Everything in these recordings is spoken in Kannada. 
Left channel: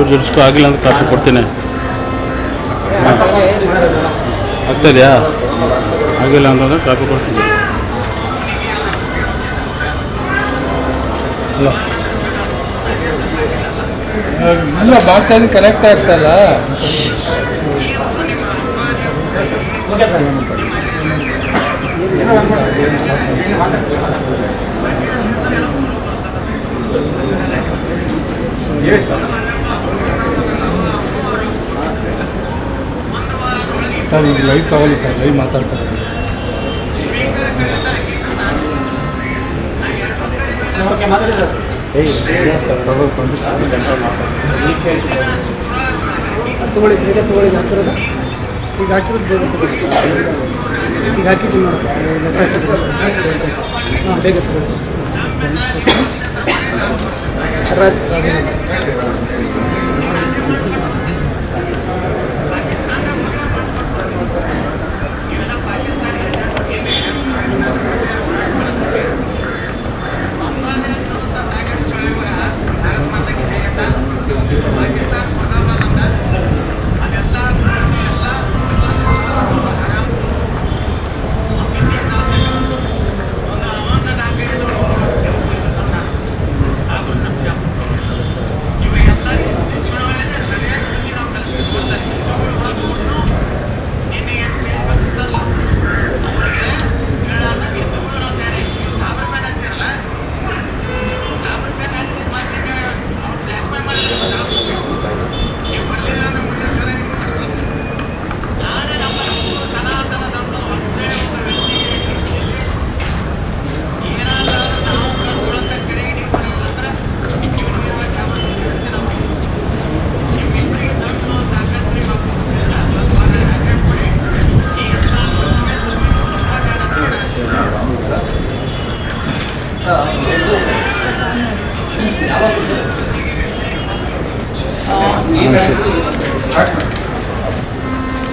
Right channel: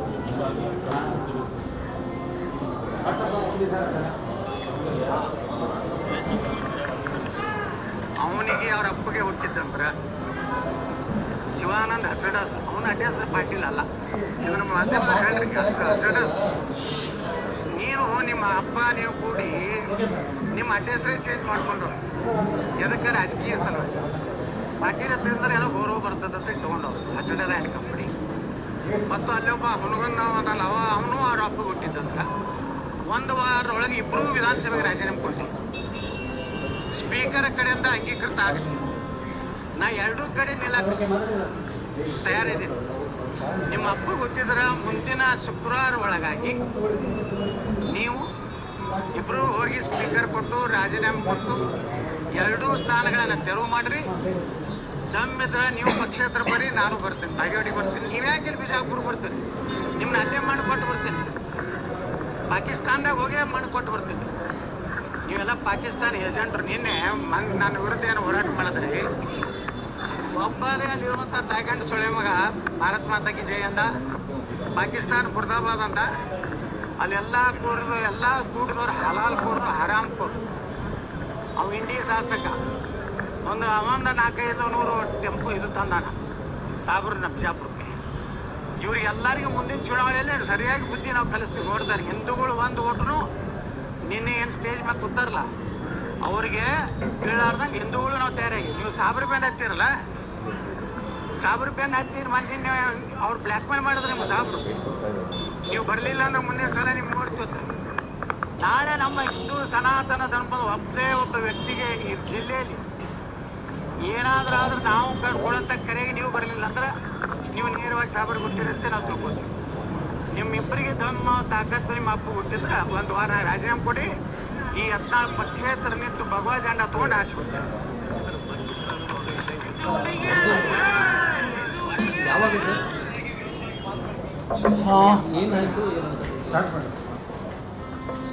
ಚೂರು ಜೋಡಿಸ್ಕೊ ಆಗಿಲ್ಲ ಅಂತ ಕಾಪಿ ಕೊಡ್ತೀನಿ. ಆಗ್ತದೆಯಾ ಆಗಿಲ್ಲ ಅಂತಂದ್ರೆ ಕಾಪಿ ಕೊಡ್ತೀನಿ. ಇಲ್ಲ ಮಾಡ್ತಾ ಇದ್ದೀನಿ ಕನೆಕ್ಟ್ ಆಗ್ತಾ ಇಲ್ಲ. ಸರ್ ಈಗ ಲೈವ್ ತಗೊಳ್ಳಿ ಸರ್ ಲೈವ್ ಮಾತಾಡ್ತಾರೆ ತಗೊಳ್ಳಿ, ಬೇಗ ತಗೊಳ್ಳಿ ಹಾಕಿರೋದು ಈಗ ಹಾಕಿರೋದು ಬೇಗ ತಗೊಳ್ಳಿ. ಈಗ ಹಾಕಿದ್ದು ಹಾಂ, ಬೇಗ ತಗೊಳ್ಳಿ.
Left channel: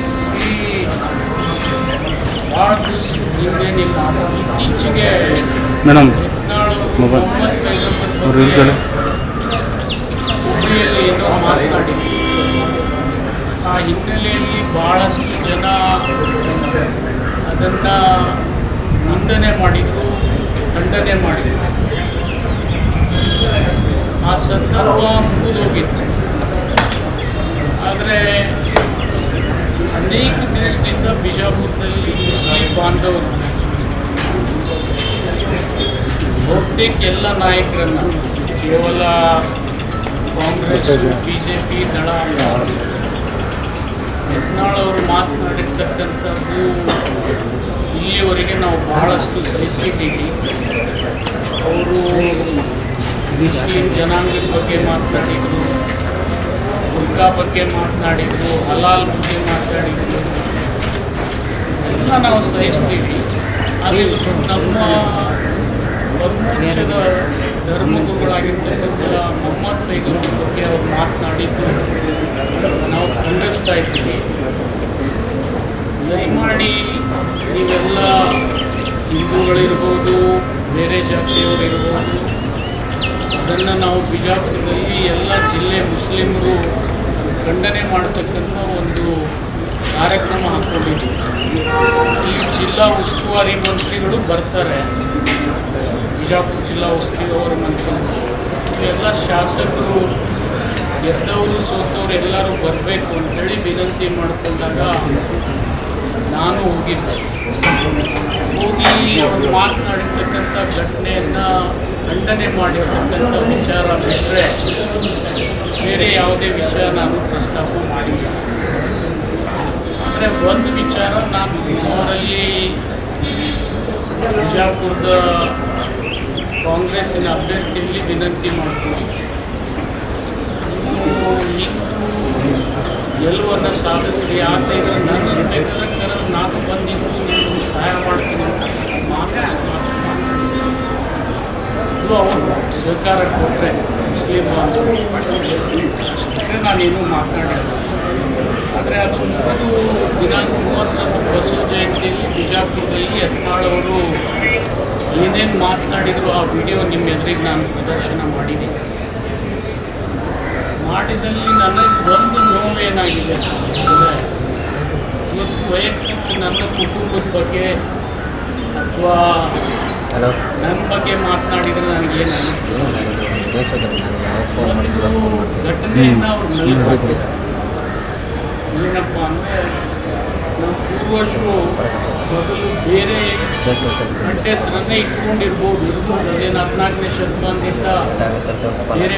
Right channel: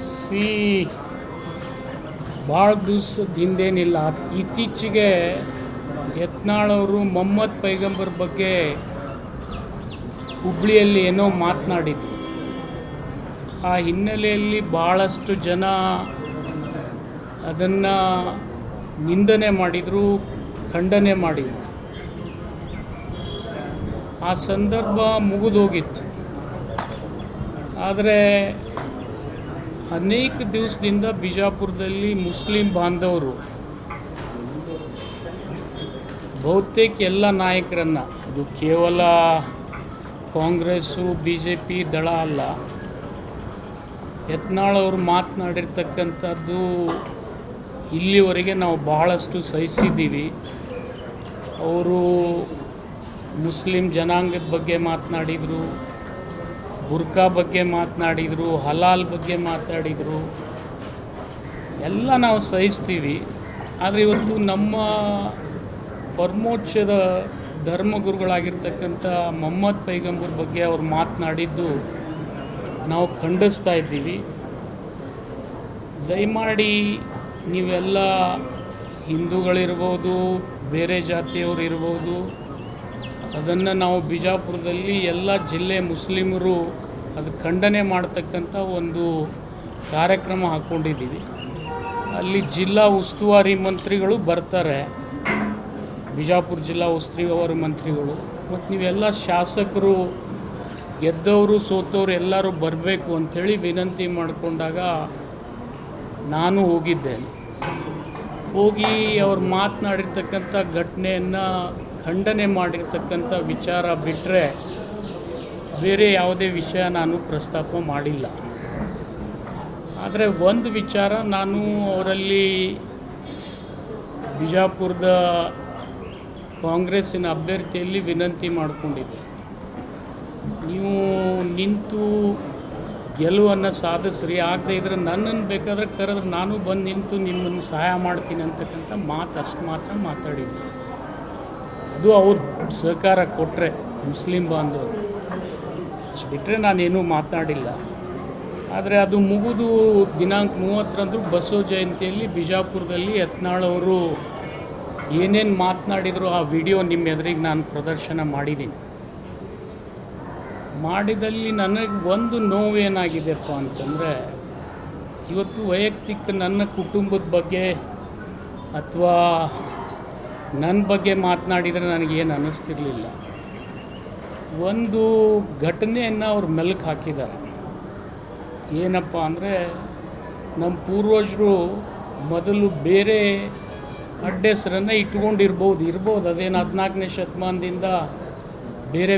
ಶ್ರೀ ಭಾಳ ದಿವಸ ಹಿಂದೇನಿಲ್ಲ ಇತ್ತೀಚೆಗೆ ಮೇಡಮ್ ಹುಬ್ಳಿಯಲ್ಲಿ ಏನೋ ಮಾತನಾಡಿದ್ರು. ಆ ಹಿನ್ನೆಲೆಯಲ್ಲಿ ಭಾಳಷ್ಟು ಜನ ಅದನ್ನು ನಿಂದನೆ ಮಾಡಿದರು ಖಂಡನೆ ಮಾಡಿದರು. ಆ ಸಂದರ್ಭ ಮುಗಿದೋಗಿತ್ತು. ಆದರೆ ಅನೇಕ ದಿನದಿಂದ ಬಿಜಾಪುರದಲ್ಲಿ ಮುಸ್ಲಿಂ ಬಾಂಧವರು, ಬಹುತೇಕ ಎಲ್ಲ ನಾಯಕರನ್ನು, ಕೇವಲ ಕಾಂಗ್ರೆಸ್ ಬಿ ಜೆ ಪಿ ದಳ, ಯತ್ನಾಳ್ ಅವರು ಮಾತನಾಡಿರ್ತಕ್ಕಂಥದ್ದು ಇಲ್ಲಿವರೆಗೆ ನಾವು ಬಹಳಷ್ಟು ಸಹಿಸಿದ್ದೀವಿ. ಅವರು ಮುಸ್ಲಿಂ ಜನಾಂಗದ ಬಗ್ಗೆ ಮಾತನಾಡಿದರು. ಬುರ್ಕಾ ಬಗ್ಗೆ ಮಾತನಾಡಿದ್ರು, ಹಲಾಲ್ ಬಗ್ಗೆ ಮಾತನಾಡಿದ್ರು, ಎಲ್ಲ ನಾವು ಸಹಿಸ್ತೀವಿ. ಆದರೆ ನಮ್ಮ ನಮ್ಮ ಪಕ್ಷದ ಧರ್ಮಗುರುಗಳಾಗಿರ್ತಕ್ಕಂಥ ಮೊಹಮ್ಮದ್ ಬೇಗರ ಬಗ್ಗೆ ಅವ್ರು ಮಾತನಾಡಿದ್ದು ನಾವು ಖಂಡಿಸ್ತಾ ಇದ್ದೀವಿ. ದಯಮಾಡಿ ನೀವೆಲ್ಲ ಹಿಂದೂಗಳಿರ್ಬೋದು, ಬೇರೆ ಜಾತಿಯವರಿರ್ಬೋದು, ಅದನ್ನು ನಾವು ಬಿಜಾಪುರದಲ್ಲಿ ಎಲ್ಲ ಜಿಲ್ಲೆ ಮುಸ್ಲಿಮರು ಖಂಡನೆ ಮಾಡತಕ್ಕಂಥ ಒಂದು ಕಾರ್ಯಕ್ರಮ ಹಾಕೊಂಡಿದ್ದೀವಿ ಇಲ್ಲಿ ಜಿಲ್ಲಾ ಉಸ್ತುವಾರಿ ಮಂತ್ರಿಗಳು ಬರ್ತಾರೆ. ಬಿಜಾಪುರ ಜಿಲ್ಲಾ ಉಸ್ತುವಾರಿ ಮಂತ್ರಿಗಳು ಇವೆಲ್ಲ ಶಾಸಕರು ಗೆದ್ದವರು, ಸೋತವರು ಎಲ್ಲರೂ ಬರಬೇಕು ಅಂತೇಳಿ ವಿನಂತಿ ಮಾಡಿಕೊಂಡಾಗ ನಾನು ಹೋಗಿದ್ದೆ. ಹೋಗಿ ಅವರು ಮಾತನಾಡಿರ್ತಕ್ಕಂಥ ಘಟನೆಯನ್ನು ಖಂಡನೆ ಮಾಡಿರ್ತಕ್ಕಂಥ ವಿಚಾರ ಬಿಟ್ಟರೆ ಬೇರೆ ಯಾವುದೇ ವಿಷಯ ನಾನು ಪ್ರಸ್ತಾಪ ಮಾಡಿಲ್ಲ. ಆದರೆ ಒಂದು ವಿಚಾರ ನಾನು ಅವರಲ್ಲಿ ಬಿಜಾಪುರದ ಕಾಂಗ್ರೆಸ್ಸಿನ ಅಭ್ಯರ್ಥಿಯಲ್ಲಿ ವಿನಂತಿ ಮಾಡ್ತೀನಿ. ನೀವು ನಿಂತು ಗೆಲುವನ್ನು ಸಾಧಿಸ್ರಿ. ಯಾಕೆ ಇದ್ರೆ ನನ್ನನ್ನು ಬೇಕಾದ್ರೆ ನಾನು ಬಂದಿದ್ದು ನಿಮಗೆ ಸಹಾಯ ಮಾಡ್ತೀನಿ ಅಂತ ಅದು ಮಾತು ಮಾತಾಡಿದ್ದೀನಿ ಇದು ಅವರು ಸಹಕಾರ ಕೊಟ್ಟರೆ ಮುಸ್ಲಿಂ ಅಂತ ನಾನೇನು ಮಾತಾಡಿಲ್ಲ ಆದರೆ ಅದು ಮುಗಿದು ದಿನಾಂಕ ಮೂವತ್ತೊಂದು ಬಸವ ಜಯಂತಿಯಲ್ಲಿ ಬಿಜಾಪುರದಲ್ಲಿ ಯತ್ನಾಳವರು ಏನೇನು ಮಾತನಾಡಿದರು ಆ ವಿಡಿಯೋ ನಿಮ್ಮ ಎದುರಿಗೆ ನಾನು ಪ್ರದರ್ಶನ ಮಾಡಿದೆ ಮಾಡಿದಲ್ಲಿ ನನಗೆ ಒಂದು ನೋವೇನಾಗಿದೆ ಅಂತಂದರೆ ಇವತ್ತು ವೈಯಕ್ತಿಕ ನನ್ನ ಕುಟುಂಬದ ಬಗ್ಗೆ ಅಥವಾ ಹಲೋ. ನನ್ನ ಬಗ್ಗೆ ಮಾತನಾಡಿದರೆ ಅನ್ನಿಸ್ತು? ಒಂದು ಘಟನೆಯನ್ನು ಅವ್ರು ಮೆಲುಕು ಹಾಕಿದ್ದಾರೆ ಏನಪ್ಪ ಅಂದರೆ ನಮ್ಮ ಪೂರ್ವಜರು ಮೊದಲು ಬೇರೆ ಹೆಸರನ್ನೇ ಇಟ್ಕೊಂಡಿರ್ಬೋದು ಇರ್ಬೋದು. ಅದೇನು ಹದಿನಾಲ್ಕನೇ ಶತಮಾನದಿಂದ ಬೇರೆ